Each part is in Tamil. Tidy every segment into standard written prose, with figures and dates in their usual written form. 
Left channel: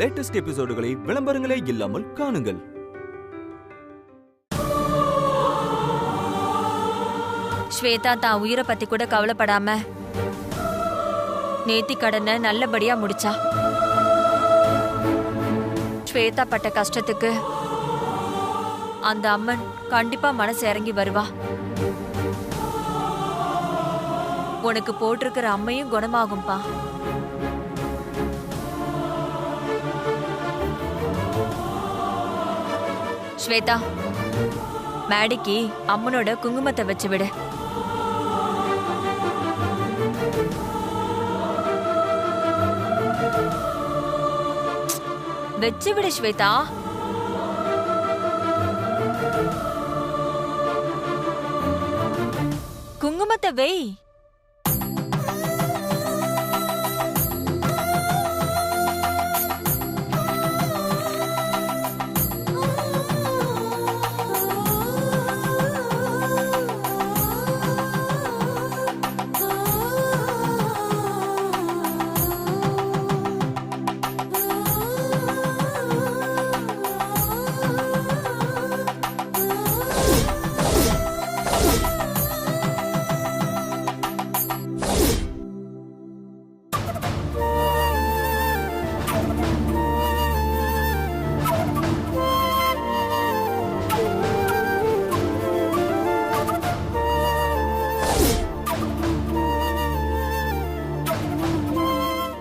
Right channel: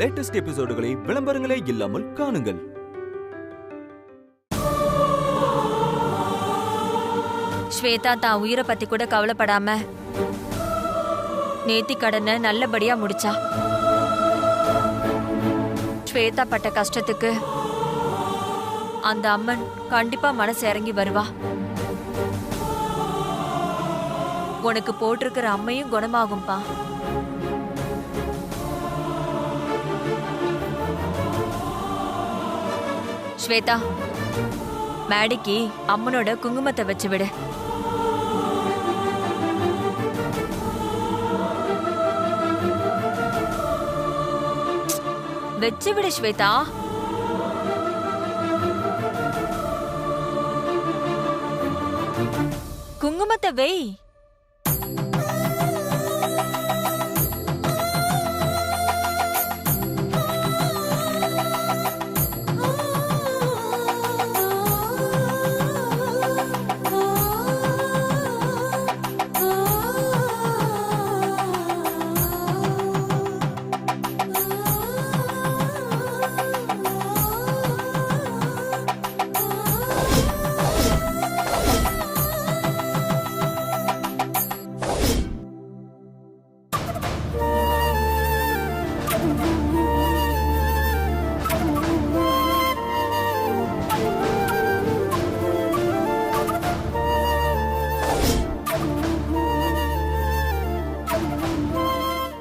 லேட்டஸ்ட் எபிசோடுகளை விளம்பரங்களே இல்லாமல் காணுங்கள். ஸ்வேதா தான் உயிரை பத்தி கூட கவலைப்படாம நேத்தி கடனை நல்லபடியா முடிச்சா. ஸ்வேதா பட்ட கஷ்டத்துக்கு அந்த அம்மன் கண்டிப்பா மனசு இறங்கி வருவா. உனக்கு போட்டிருக்கிற அம்மையும் குணமாகும்பா. ஸ்வேதா, மேடிக்கு அம்மனோட குங்குமத்தை வச்சு விடு. வச்சு விடு ஸ்வேதா. குங்குமத்தை வை.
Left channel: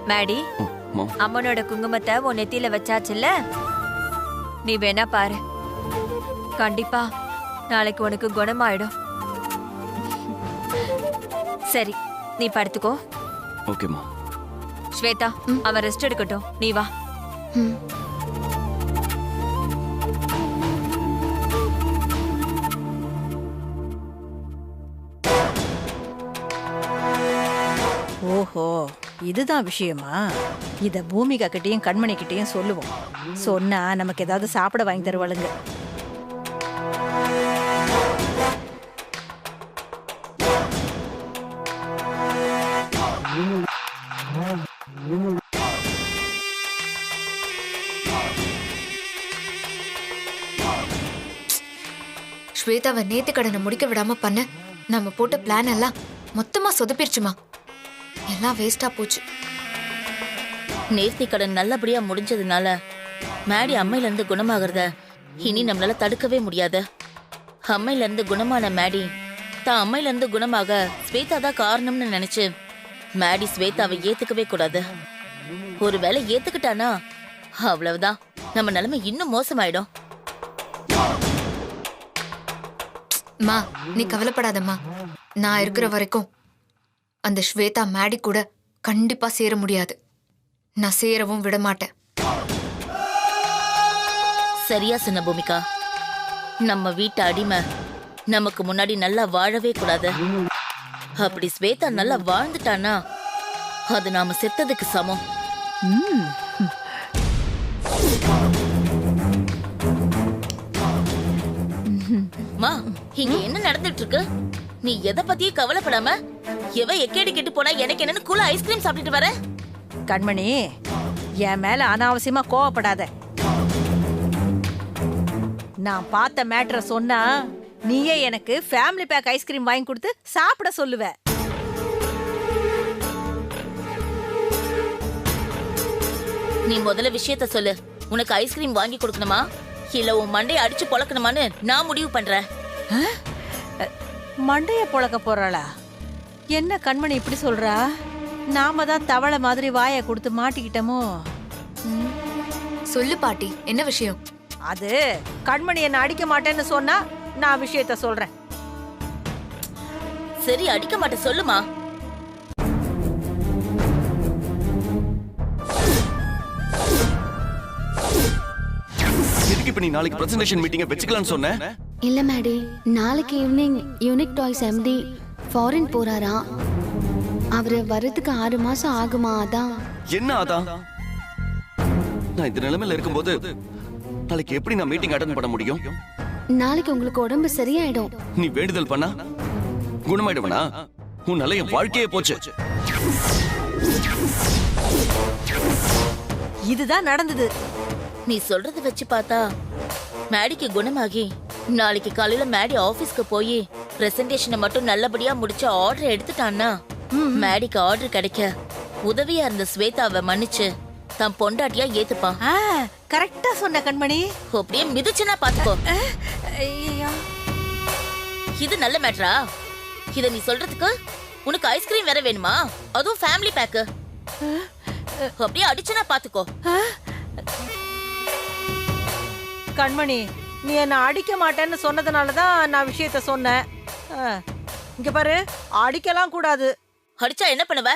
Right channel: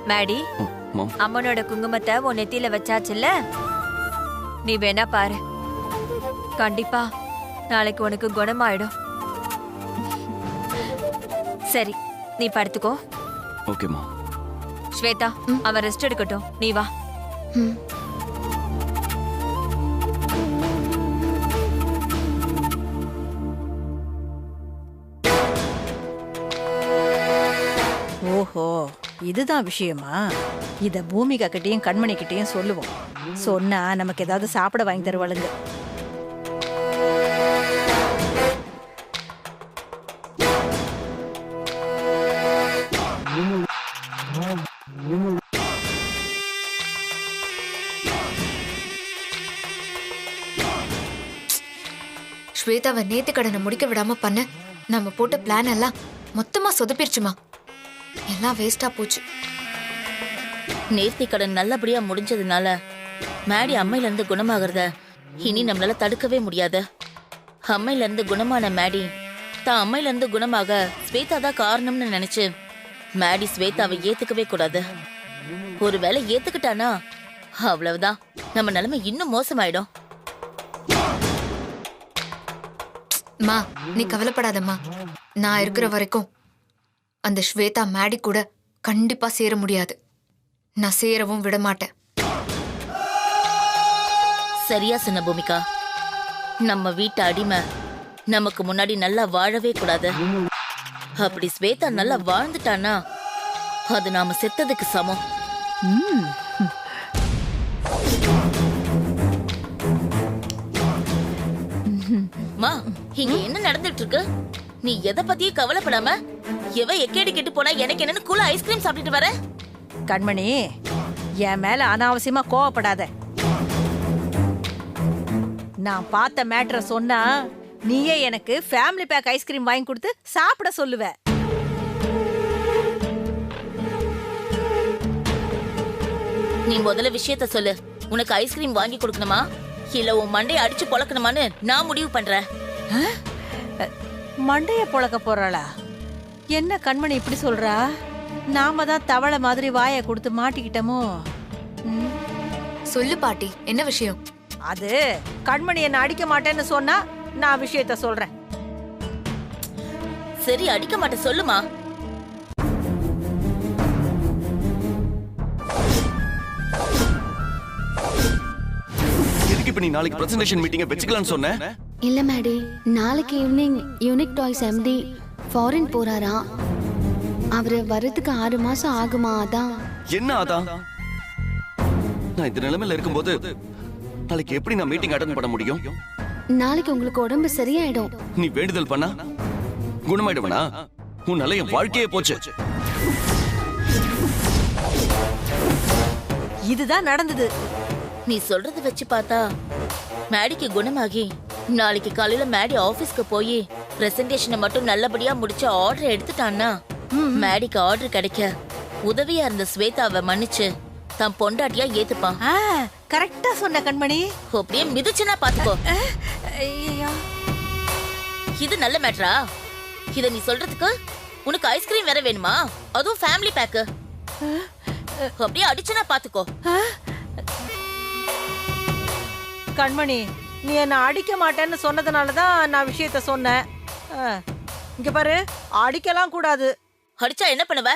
மேடி, அம்மனோட குங்குமத்தை உன் நெத்தியில வச்சாச்சுல்ல? நீ வேணா பாரு, கண்டிப்பா நாளைக்கு உனக்கு குணமாயிடும். சரி, நீ படுத்துக்கோ. ஓகேமா. ஸ்வேதா, அவன் ரெஸ்ட் எடுக்கட்டும், நீ வா. ஓஹோ, இதுதான் விஷயமா? இத பூமிகா கிட்டயும் கண்மணி கிட்டயும் சொல்லுவோம். சொன்னா நமக்கு ஏதாவது சாப்பிட வாங்கி தருவாளுங்க. ஸ்வேதாவை நேத்து கடனை முடிக்க விடாம பண்ண நம்ம போட்ட பிளான் எல்லாம் மொத்தமா சொதப்பிருச்சுமா. எல்லாம் வேஸ்டா போச்சு. நேர்த்தி கடன் நல்லபடியா முடிஞ்சதுனால மேடி அம்மையில இருந்து குணமாகறத இனி நம்மளால தடுக்கவே முடியாது. அம்மையில இருந்து குணமான மேடி தான் அம்மையில இருந்து குணமாக ஸ்வேதா தான் காரணம்னு நினைச்சு மேடி ஸ்வேதாவை ஏத்துக்கவே கூடாது. ஒருவேளை ஏத்துக்கிட்டானா அவ்வளவுதான், நம்ம நிலைமை இன்னும் மோசமாயிடும். மா, நீ கவலைப்படாதம்மா. நான் இருக்கிற வரைக்கும் அந்த ஸ்வேதா மேடி கூட கண்டிப்பா சேர முடியாது. நான் சேரவும் விட மாட்டேன். சரியா சொன்ன பூமிகா. நம்ம வீட்டு அடிமை நமக்கு முன்னாடி நல்லா வாழவே கூடாது. அப்படி ஸ்வேதா நல்லா வாழ்ந்துட்டானா அது நாம செத்ததுக்கு சமம். மா, இங்க என்ன நடந்துட்டு இருக்கு? நீ எதை பத்தியும் கவலைப்படாம எவ எக்கேடி கெட்டு போனா எனக்கு என்னன்னு கூல ஐஸ்கிரீம் சாப்பிட்டுட்டு வர? கண்மணி, என் மேல அனாவசியமா கோவப்படாத. நான் பார்த்த மேட்டரை சொன்னா நீயே எனக்கு ஃபேமிலி பேக் ஐஸ்கிரீம் வாங்கி கொடுத்து சாப்பிட சொல்லுவ. நீ முதல்ல விஷயத்த சொல்லு. உனக்கு ஐஸ்கிரீம் வாங்கி கொடுக்கணுமா இல்ல உன் மண்டையை அடிச்சு பொளக்கணுமான்னு நான் முடிவு பண்றேன். மண்டைய பொளக்க போறாளா? என்ன கண்மணி இப்படி சொல்றா? நாம தான் தவளை மாதிரி வாயை கொடுத்து மாட்டிக்கிட்டோமோ? சொல்லு பாட்டி, என்ன விஷயம்? அது கண்மணி என்ன அடிக்க மாட்டேன்னு சொன்னா நான் விஷயத்த சொல்றேன். சரி, அடிக்க மாட்டேன், சொல்லுமா. எதுக்கு இப்ப நீ நாளைக்கு பிரசன்டேஷன் மீட்டிங்க வெச்சுக்கலாம்னு சொன்ன? இல்ல மேடி, நாளைக்கு evening unique toys MD foreign போறாராம். அவரு வரதுக்கு 6 மாசம் ஆகுமா? அதான். என்ன அதான்? நான் இந்த நிலைமையில இருக்கும்போது நாளைக்கு எப்படி நான் மீட்டிங் அட்டெண்ட் பண்ண முடியும்? நாளைக்கு உங்களுக்கு உடம்பு சரியாயிடும். நீ வேண்டுதல் பண்ணா குணமாயிடுவனா? உன்னால என் வாழ்க்கையே போச்சு. இதுதான் நடந்தது. நீ சொல்றத வச்சு பார்த்தா மேடிக்கு குணமாகி நாளைக்கு காலையில மேடி ஆபீஸ்க்கு போய் பிரசன்டேஷனை மட்டும் நல்லபடியா முடிச்சு ஆர்டர் எடுத்துட்டான்னா மேடிக்கு ஆர்டர் கிடைக்க உதவியா இருந்த ஸ்வேதாவை மன்னிச்சு தான் பொண்டாட்டியா ஏத்துப்பான். கரெக்டா சொன்ன கண்மணி. அப்படியே மிதிச்சுனா பாத்துக்கோ. ஐயோ, இது நல்ல மேட்டரா? இத நீ சொல்றதுக்கு உனக்கு ஐஸ்கிரீம் வேற வேணுமா? அதுவும் ஃபேமிலி பேக். அப்படியே அடிச்சுனா பாத்துக்கோ. கண்மணி, நீ என்ன அடிக்க மாட்டேன்னு சொன்னதுனாலதான் நான் விஷயத்த சொன்னேன். இங்க பாரு, அடிக்கலாம் கூடாது. அடிச்சா என்ன பண்ணுவ?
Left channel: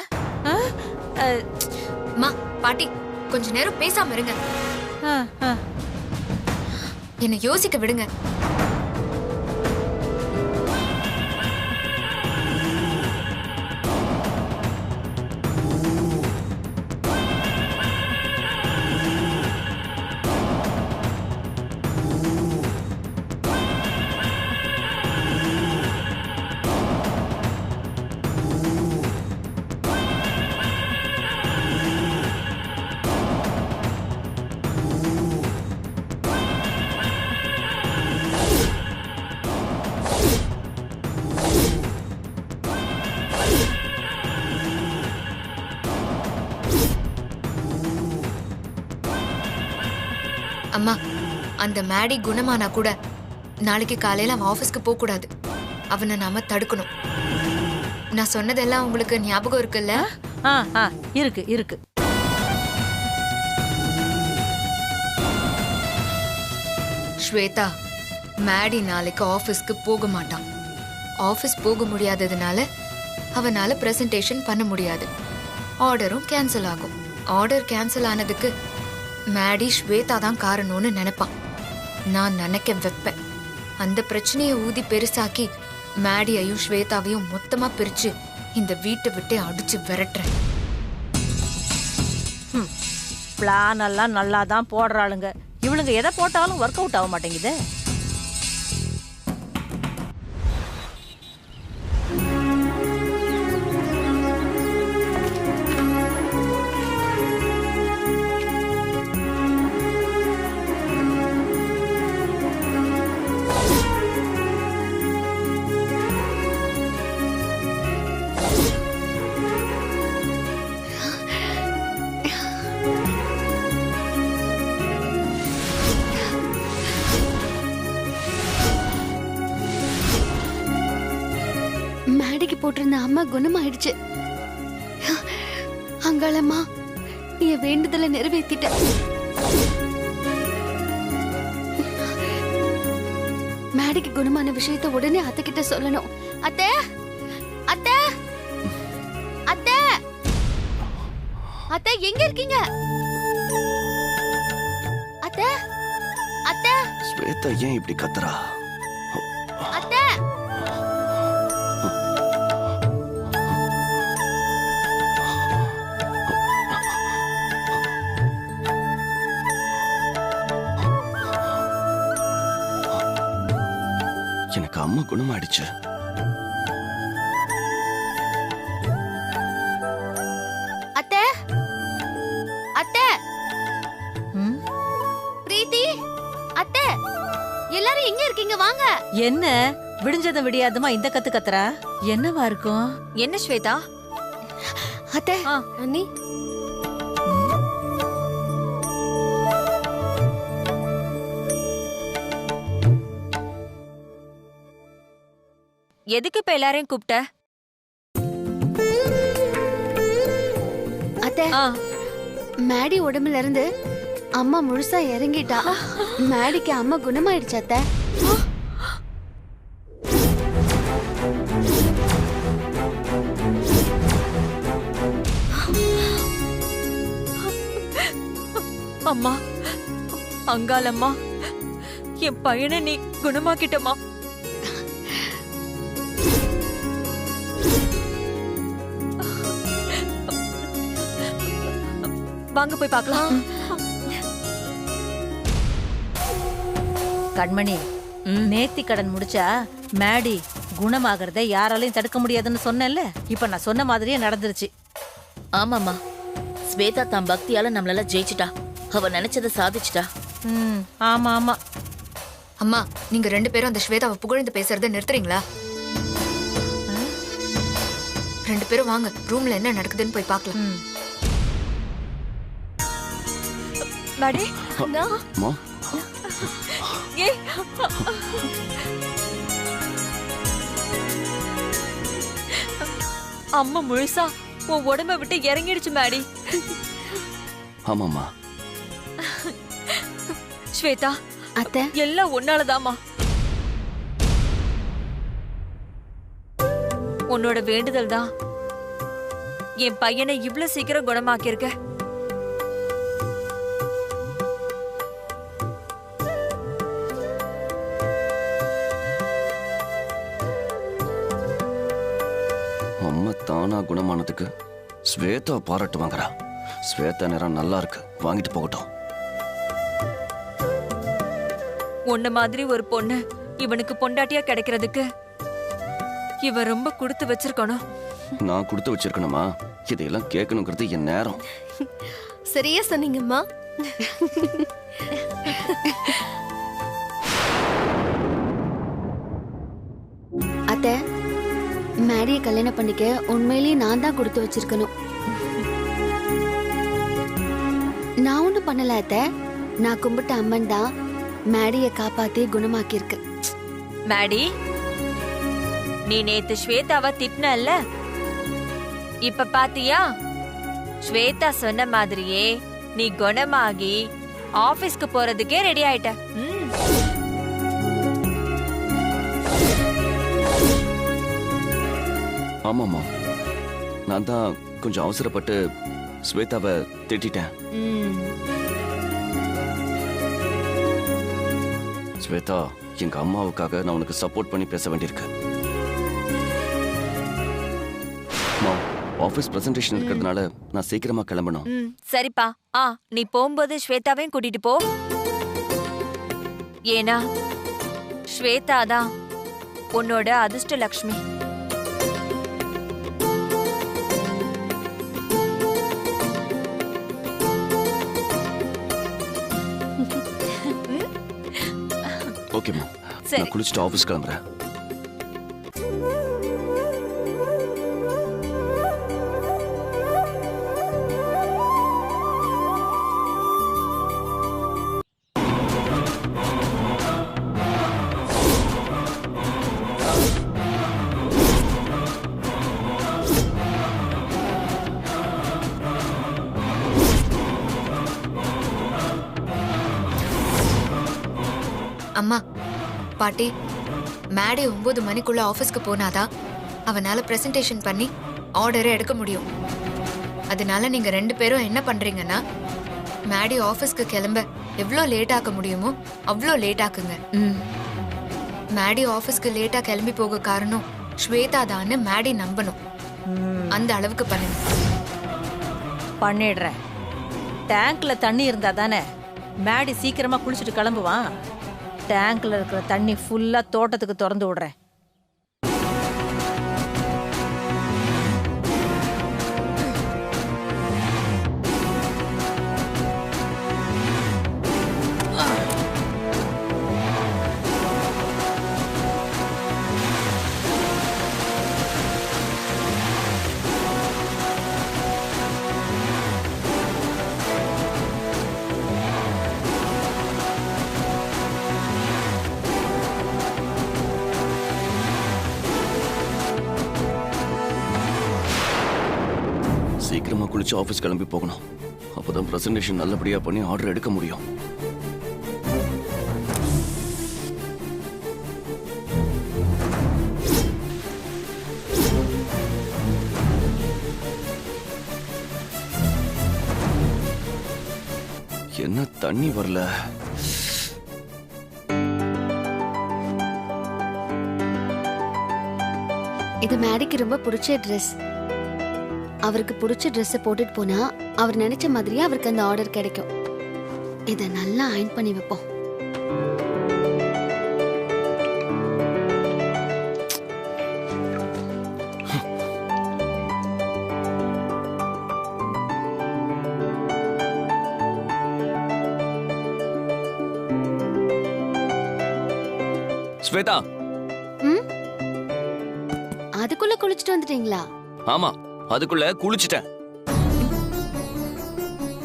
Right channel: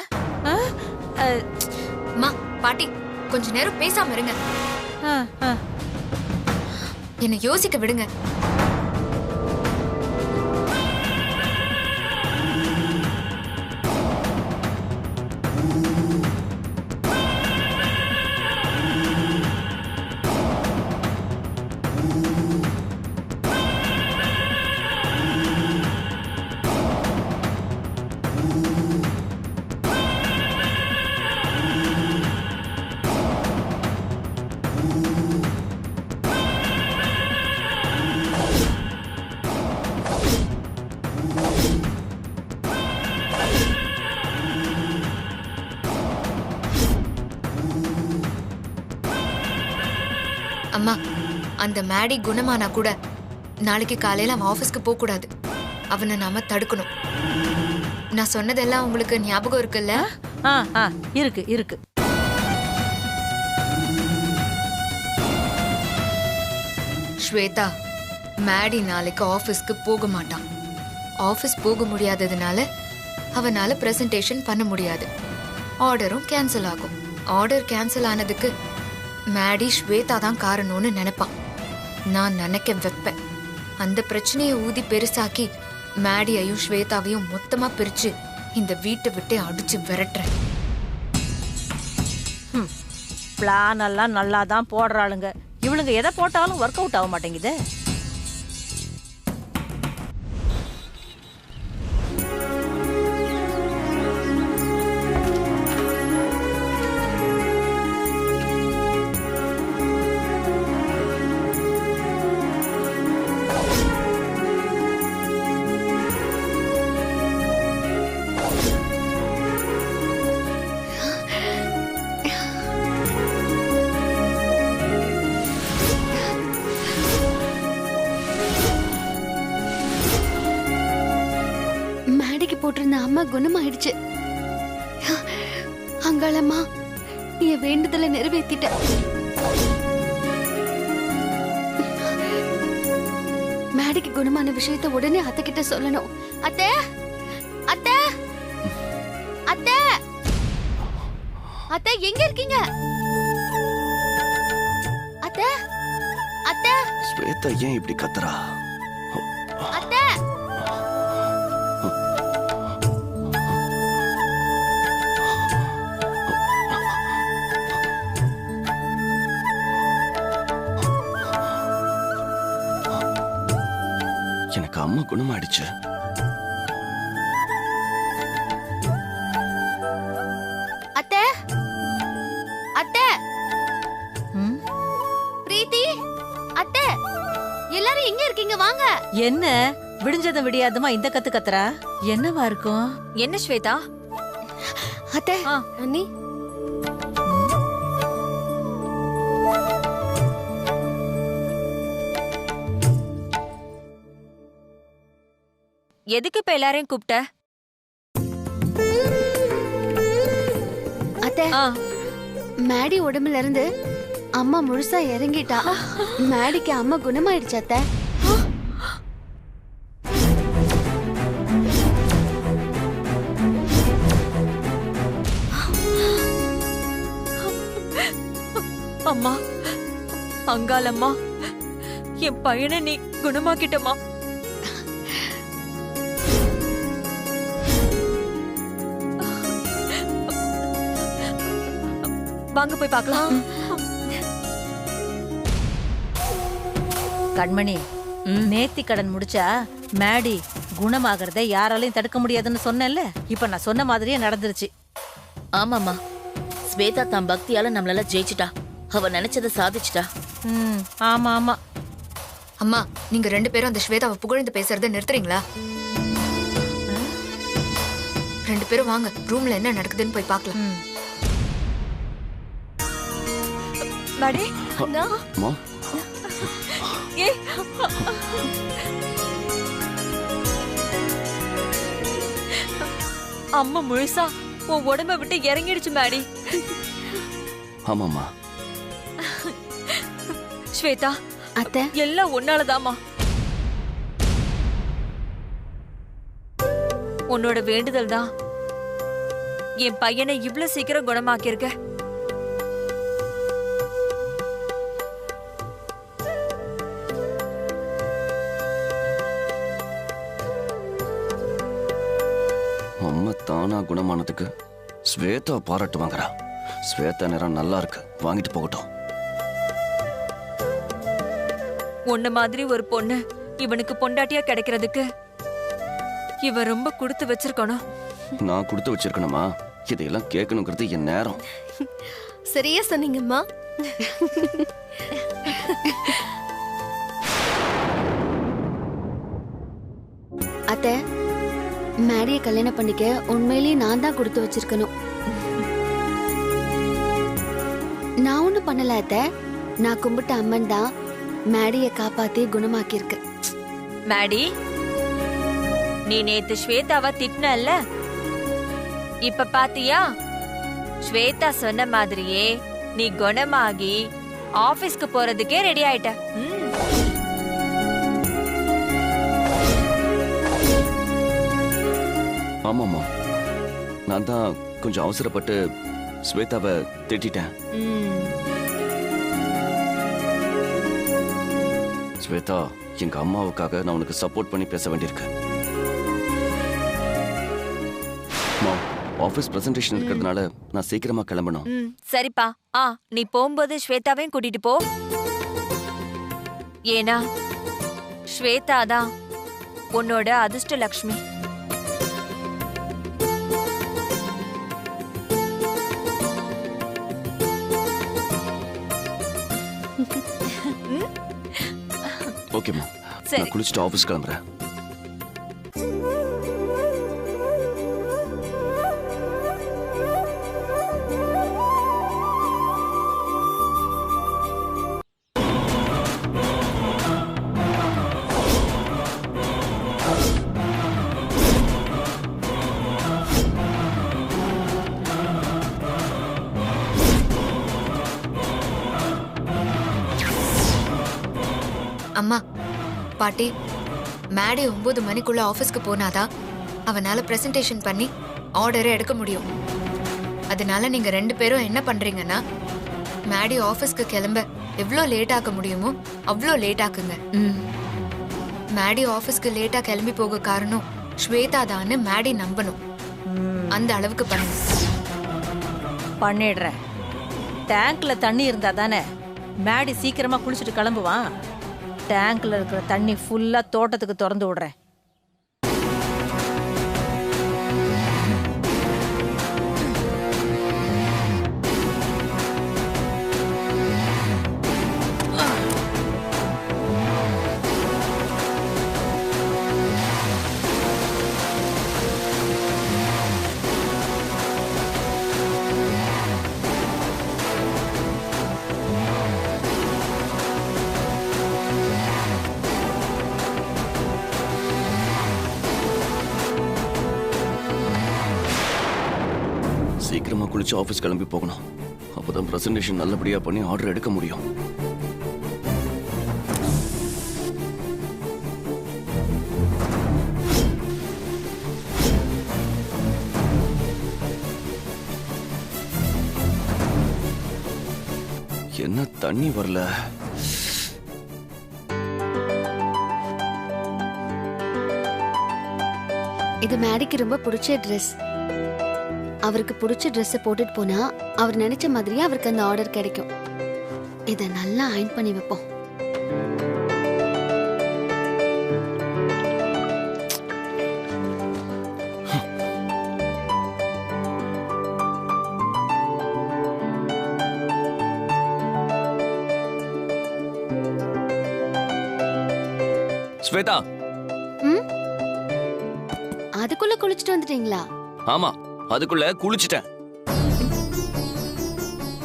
அம்மா பாட்டி கொஞ்ச நேரம் பேசாம இருங்க. என்ன யோசிக்க விடுங்க. அம்மா, அந்த மேடி குணமானா கூட நாளைக்கு காலையில அவன் ஆபீஸ்க்கு போக கூடாது. அவனை நாம தடுக்கணும். நான் சொன்னதெல்லாம் உங்களுக்கு ஞாபகம் இருக்குல்ல? இருக்கு இருக்கு. ஸ்வேதா, மேடி நாளைக்கு ஆபீஸ்க்கு போக மாட்டான். ஆபீஸ் போக முடியாததுனால அவனால பிரசன்டேஷன் பண்ண முடியாது. ஆர்டரும் கேன்சல் ஆகும். ஆர்டர் கேன்சல் ஆனதுக்கு மேடி ஸ்வேதா தான் காரணம்னு நினைப்பான். நான் நினைக்க வைப்பேன். அந்த பிரச்சனையை ஊதி பெருசாக்கி மேடியையும் ஸ்வேதாவையும் மொத்தமா பிரிச்சு இந்த வீட்டை விட்டு அடிச்சு விரட்டுறேன். பிளான் எல்லாம் நல்லா தான் போடுறாளுங்க. இவளுங்க எதை போட்டாலும் ஒர்க் அவுட் ஆக மாட்டேங்குது. மேடைக்கு போட்டிருந்த அம்மா குணமாயிடுச்சு. அங்காளம்மா, நீ வேண்டுதலை நிறைவேத்திட்ட. மேடைக்கு குணமான விஷயத்த உடனே அத்தை கிட்ட சொல்லணும். அத்தை, அத்தை, அத்தை, அத்தை எங்க இருக்கீங்க? அத்தை, அத்தை, ஸ்வேதா ஏன் இப்படி கத்துறா? அத்தை, எனக்கு அம்மா குணமாயிடுச்சு. அத்தை, அத்தை, பிரீத்தி, அத்தை, எல்லாரும் எங்க இருக்கீங்க? வாங்க. என்ன விடிஞ்சதும் விடியாதுமா இந்த கத்து கத்துறா? என்னவா இருக்கும்? என்ன ஸ்வேதா? அத்தை, அண்ணி, எதுக்கு இப்ப எல்லாரையும் கூப்பிட்ட? அத்தை, மேடி உடம்புல இருந்து அம்மா முழுசா இறங்கிட்டா. மேடிக்கு அம்மா குணமாயிடுச்சு அத்தை. அம்மா, அங்காளம்மா, என் பையனை நீ குணமாக்கிட்டமா? வாங்க போய் பார்க்கலாம். கண்மணி, நேர்த்தி கடன் முடிச்சா மேடி குணமாகறத யாராலையும் தடுக்க முடியாதுன்னு சொன்னேன்ல. இப்ப நான் சொன்ன மாதிரியே நடந்துருச்சு. ஆமாமா, ஸ்வேதா தான் பக்தியால நம்மளால ஜெயிச்சிட்டா. அவ நினைச்சதை சாதிச்சிட்டா. ம், ஆமா ஆமா. அம்மா நீங்க 2 பேரும் அந்த ஸ்வேதாவை புகழ்ந்து பேசுறதை நிறுத்துறீங்களா? 2 பேரும் வாங்க, ரூம்ல என்ன நடக்குதுன்னு போய் பார்க்கலாம். ம். மேடி அம்மா ஏய் அம்மா முழுசா உன் உடம்ப விட்டு இறங்கிடுச்சு மேடி. ஆமாம்மா. ஸ்வேதா அத்தை எல்லாம் உன்னாலதாம்மா. உன்னோட வேண்டுதல் தான் என் பையனை இவ்ளோ சீக்கிரம் குணமாக்கியிருக்க. அம்மா தானா குணமானதுக்கு ஸ்வேதா பாராட்டு வாங்குறா. ஸ்வேதா நேரம் நல்லா இருக்கு, வாங்கிட்டு போகட்டும். உன்ன மாதிரி ஒரு பொண்ணு இவனுக்கு பொண்டாட்டியா கிடைக்கிறதுக்கு இவன் ரொம்ப கொடுத்து வச்சிருக்கணும். நான் கொடுத்து வச்சிருக்கணுமா? இதையெல்லாம் கேட்கணுங்கிறது என் நேரம். சரியா சொன்னீங்கம்மா. அத்தை மேடியை கல்யாணம் பண்ணிக்க உண்மையிலேயே நான் தான் கொடுத்து வச்சிருக்கணும். நான் ஒண்ணும் பண்ணல அத்தை. நான் கும்பிட்ட அம்மன் தான் மேடியை காப்பாத்தி குணமாக்கியிருக்கு. மேடி, நீ நேத்து ஸ்வேதாவை திட்டினல்ல, இப்ப பாத்தியா? ஸ்வேதா சொன்ன மாதிரியே நீ குணமாகி ஆபீஸ்க்கு போறதுக்கே ரெடி ஆயிட்ட. ஆமாம்மா, நான் தான் கொஞ்சம் அவசரப்பட்டு ஸ்வேதாவை திட்டிட்டேன். ஸ்வேதா, எங்க அம்மாவுக்காக நான் உனக்கு சப்போர்ட் பண்ணி பேச வேண்டியிருக்கு. ஆபீஸ் பிரசன்டேஷன் இருக்கிறதுனால நான் சீக்கிரமா கிளம்பணும். சரிப்பா. நீ போகும்போது ஸ்வேதாவையும் கூட்டிட்டு போ. ஏனா ஸ்வேதா தான் உன்னோட அதிர்ஷ்ட லக்ஷ்மி. ஓகேம்மா, சரி. நான் குளிச்சுட்டு ஆபீஸ் கிளம்புறேன். அம்மா பாட்டி, மேடை 9 மணிக்குள்ள ஆபீஸ்க்கு போனாதான் அவனால பிரசன்டேஷன் பண்ணி ஆர்டரை எடுக்க முடியும். அதனால நீங்க 2 பேரும் என்ன பண்றீங்கன்னா, மேடை ஆபீஸ்க்கு கிளம்ப எவ்வளோ லேட் ஆக்க முடியுமோ அவ்வளோ லேட் ஆக்குங்க. மேடை ஆபீஸ்க்கு லேட்டா கிளம்பி போக காரணம் ஸ்வேதா தான்னு மேடை நம்பணும். அந்த அளவுக்கு பண்ணுங்க. பண்ணிடுறேன். டேங்க்ல தண்ணி இருந்தா தானே மேடி சீக்கிரமா குளிச்சுட்டு கிளம்புவான். டேங்க்ல இருக்கிற தண்ணி ஃபுல்லா தோட்டத்துக்கு திறந்து விடுறேன். சீக்கிரமா குளிச்சு ஆபீஸ் கிளம்பி போகணும். அப்பதான் பிரசன்டேஷன் நல்லபடியா பண்ணி ஆர்டர் எடுக்க முடியும். என்ன தண்ணி வரல? இது மேடிக்கு ரொம்ப பிடிச்ச ட்ரெஸ். அவருக்கு பிடிச்ச ட்ரெஸ்ஸை போட்டுட்டு போனா அவர் நினைச்ச மாதிரியே அவருக்கு அந்த ஆர்டர் கிடைக்கும். இதை நல்லா அயன் பண்ணி வைப்போம். ஸ்வேதா. ம் அதுக்குள்ள குளிச்சுட்டு வந்துட்டீங்களா? ஆமா, அதுக்குள்ள குளிச்சிட்டேன்.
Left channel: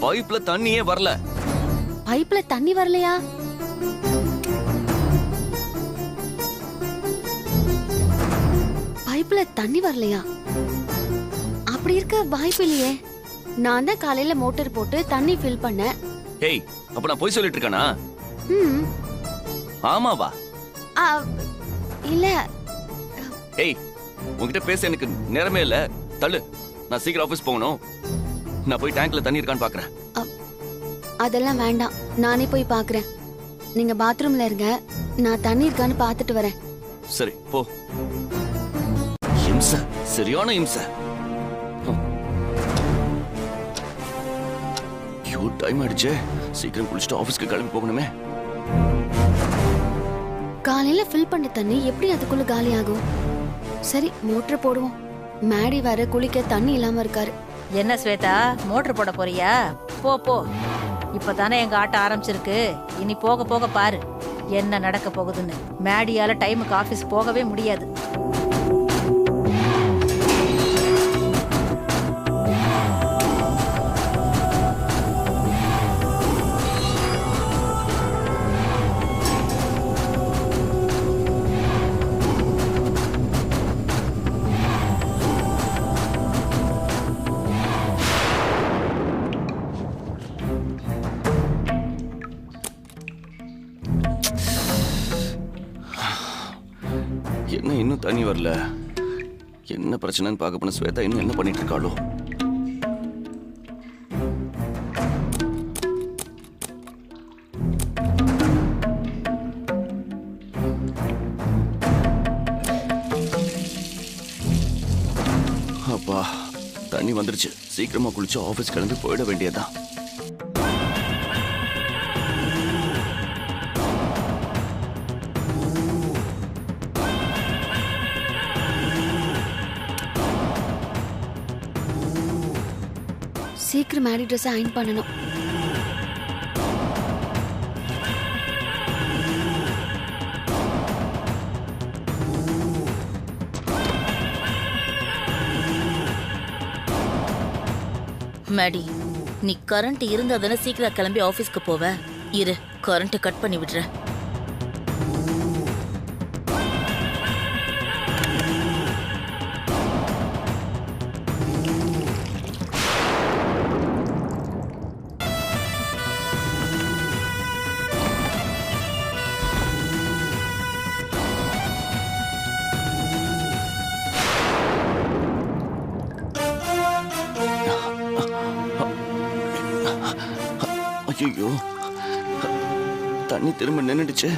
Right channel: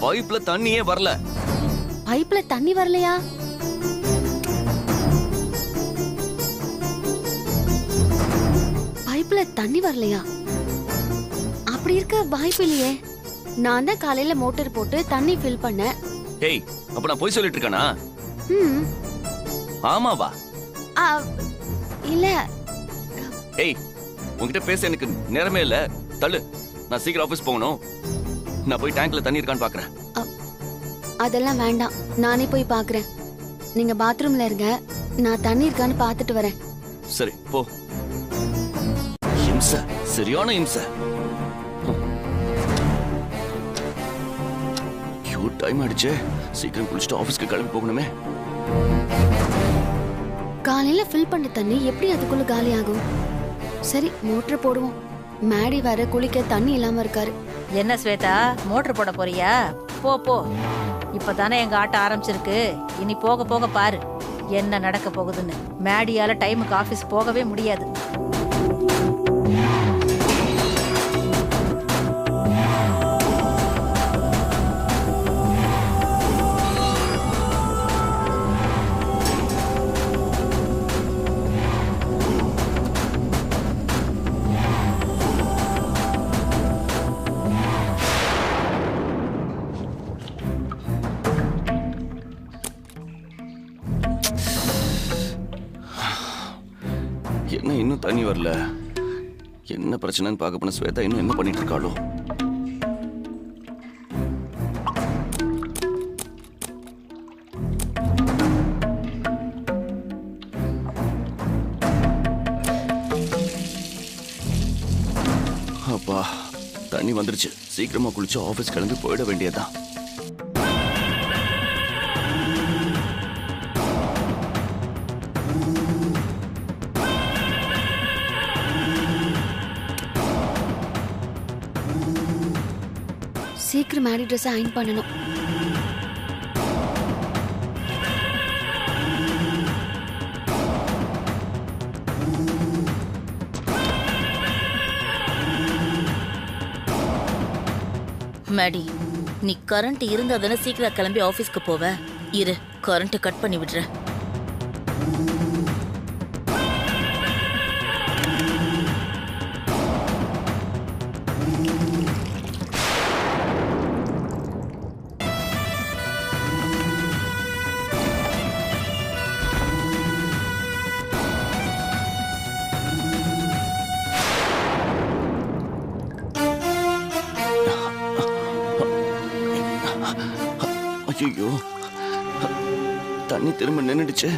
பைப்ல தண்ணியே வரல. பைப்ல தண்ணி வரலையா? பைப்ல தண்ணி வரலையா? அப்படி இருக்க வாய்ப்பு இல்லையே. நான் தான் காலையில மோட்டார் போட்டு தண்ணி ஃபில் பண்ணேன். ஏய், அப்ப நான் போய் சொல்லிட்டு இருக்கானா? ம் ஆமாவா? ஆ, இல்ல. ஏய், உன்கிட்ட பேச எனக்கு நேரமே இல்ல. தள்ளு, நான் சீக்கிரம் ஆபீஸ் போகணும். நான் போய் டேங்க்ல தண்ணி இருக்கான்னு பாக்குறேன். அதெல்லாம் வேண்டாம், நானே போய் பாக்குறேன். நீங்க பாத்ரூம்ல இருங்க, நான் தண்ணி இருக்கான்னு பாத்துட்டு வரேன். சரி போ. இம்ச, சரியான இம்ச. டைம் ஆயிடுச்சு, சீக்கிரம் குளிச்சுட்டு ஆபீஸ்க்கு கிளம்பி போகணுமே. காலையில ஃபில் பண்ண தண்ணி எப்படி அதுக்குள்ள காலி ஆகும்? சரி, மோட்டர் போடுவோம். மேடி வர குளிக்க தண்ணி இல்லாம இருக்காரு. என்ன ஸ்வேதா, மோட்டர் போட போறியா? போ போ, இப்பதானே எங்க ஆட்டம் ஆரம்பிச்சிருக்கு. இனி போக போக பாரு என்ன நடக்க போகுதுன்னு. மேடியால டைமுக்கு ஆபீஸ் போகவே முடியாது. என்ன இன்னும் தண்ணி வரல? என்ன பிரச்சனைன்னு பார்க்க போன ஸ்வேதா இன்னும் என்ன பண்ணிட்டு இருக்காளோ? அப்பா, தண்ணி வந்துருச்சு. சீக்கிரமா குளிச்சு ஆபீஸ் கிளம்பி போயிட வேண்டியதான். சீக்கிரம் மேடி ட்ரெஸ் அயன் பண்ணணும். மேடி, நீ கரண்ட் இருந்தா தானே சீக்கிரம் கிளம்பி ஆபீஸ்க்கு போவ. இரு, கரண்ட் கட் பண்ணி விடுறேன். ஐயோ, தண்ணி திரும்ப நின்னுடுச்சு.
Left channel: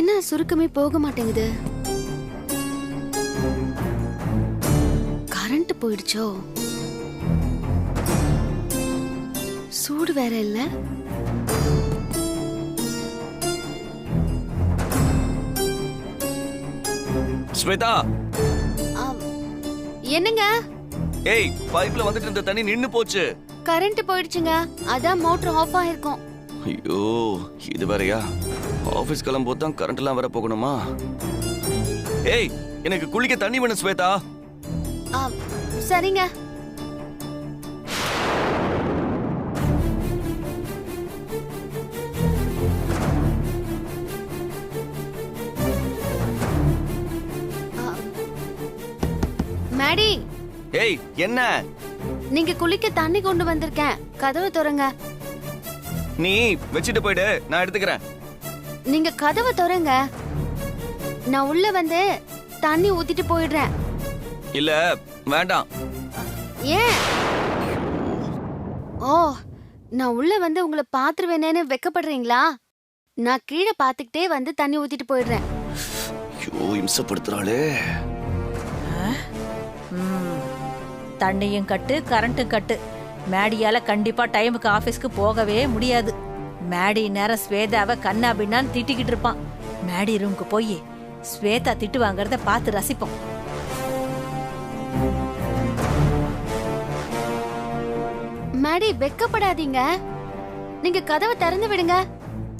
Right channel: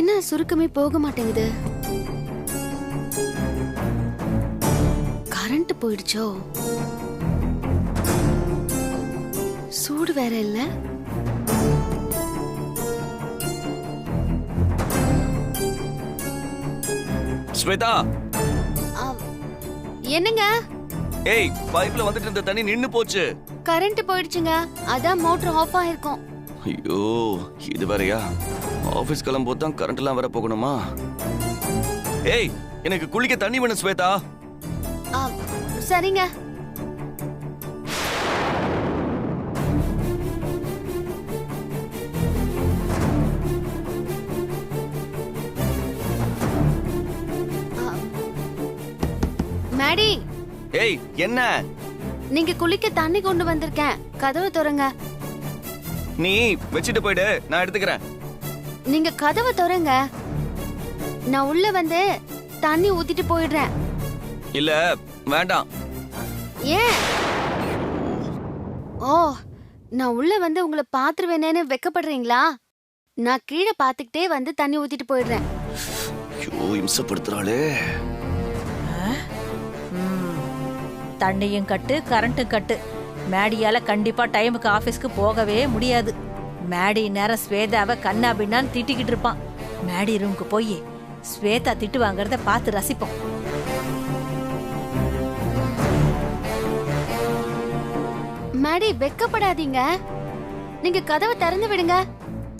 என்ன சுருக்கமே போக மாட்டேங்குது? கரண்ட் போயிடுச்சோ? சூடு வேற இல்ல. ஸ்வேதா, என்னங்க? ஏய், பைப்ல வந்துட்டு இருந்த தண்ணி நின்னு போச்சு. கரண்ட் போயிடுச்சுங்க, அதான் மோட்டர் ஆஃப் ஆயிருக்கும். ஐயோ, இது வேறயா? ஆபீஸ் கிளம்பும்போது தான் கரண்ட் எல்லாம் வர போகணுமா? ஏய், எனக்கு குளிக்க தண்ணி வேணும் ஸ்வேதா. சரிங்க. மேடி. ஏய், என்ன? நீங்க குளிக்க தண்ணி கொண்டு வந்திருக்கேன், கதவு திறங்க. நீ வச்சிட்டு போயிடு, நான் எடுத்துக்கிறேன். நீங்க கதவை திறங்க, நான் உள்ள வந்து தண்ணி ஊத்திட்டு போயிடுறேன். இல்ல, வேண்டாம். ஏன்? ஓ, நான் உள்ள வந்து உங்களை பாத்துருவேனேன்னு வெக்கப்படுறீங்களா? நான் கீழே பாத்துக்கிட்டே வந்து தண்ணி ஊத்திட்டு போயிடுறேன். ஐயோ, இம்சப்படுத்துறாளே. தண்ணியும் கட்டு, கரண்ட்டும் கட்டு. மேடியால கண்டிப்பா டைமுக்கு ஆபீஸ்க்கு போகவே முடியாது. மேடி நேரம் ஸ்வேதாவை கண்ணா பின்னான்னு திட்டிக்கிட்டு இருப்பான். மேடி ரூமுக்கு போய் ஸ்வேதா திட்டு வாங்கறத பார்த்து ரசிப்போம். மேடி வெக்கப்படாதீங்க. நீங்க கதவை திறந்து விடுங்க.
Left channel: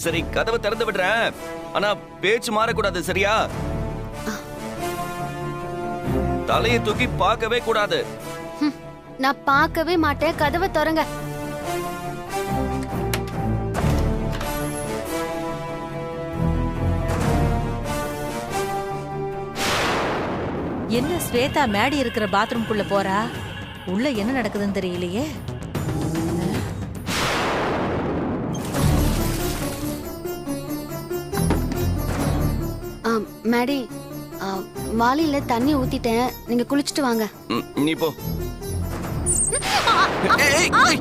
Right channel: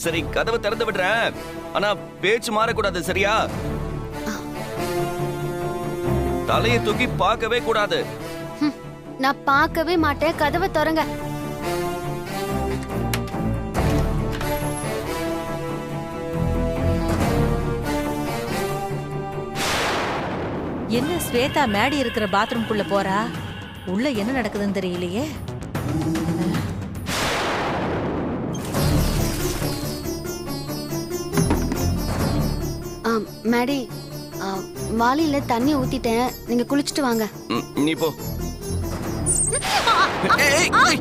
சரி, கதவை திறந்து விடுறேன். ஆனா பேச்சு மாறக்கூடாது, சரியா? தலையை தூக்கி பார்க்கவே கூடாது. நான் பார்க்கவே மாட்டேன். கதவை திறங்க. என்ன ஸ்வேதா மேடி இருக்கிற பாத்ரூம்குள்ள போறா? உள்ள என்ன நடக்குதுன்னு தெரியலையே. மேடி, வாளியில தண்ணி ஊத்திட்டேன். நீங்க குளிச்சுட்டு வாங்க. நீ போ. ஏய், ஏய், ஏய்.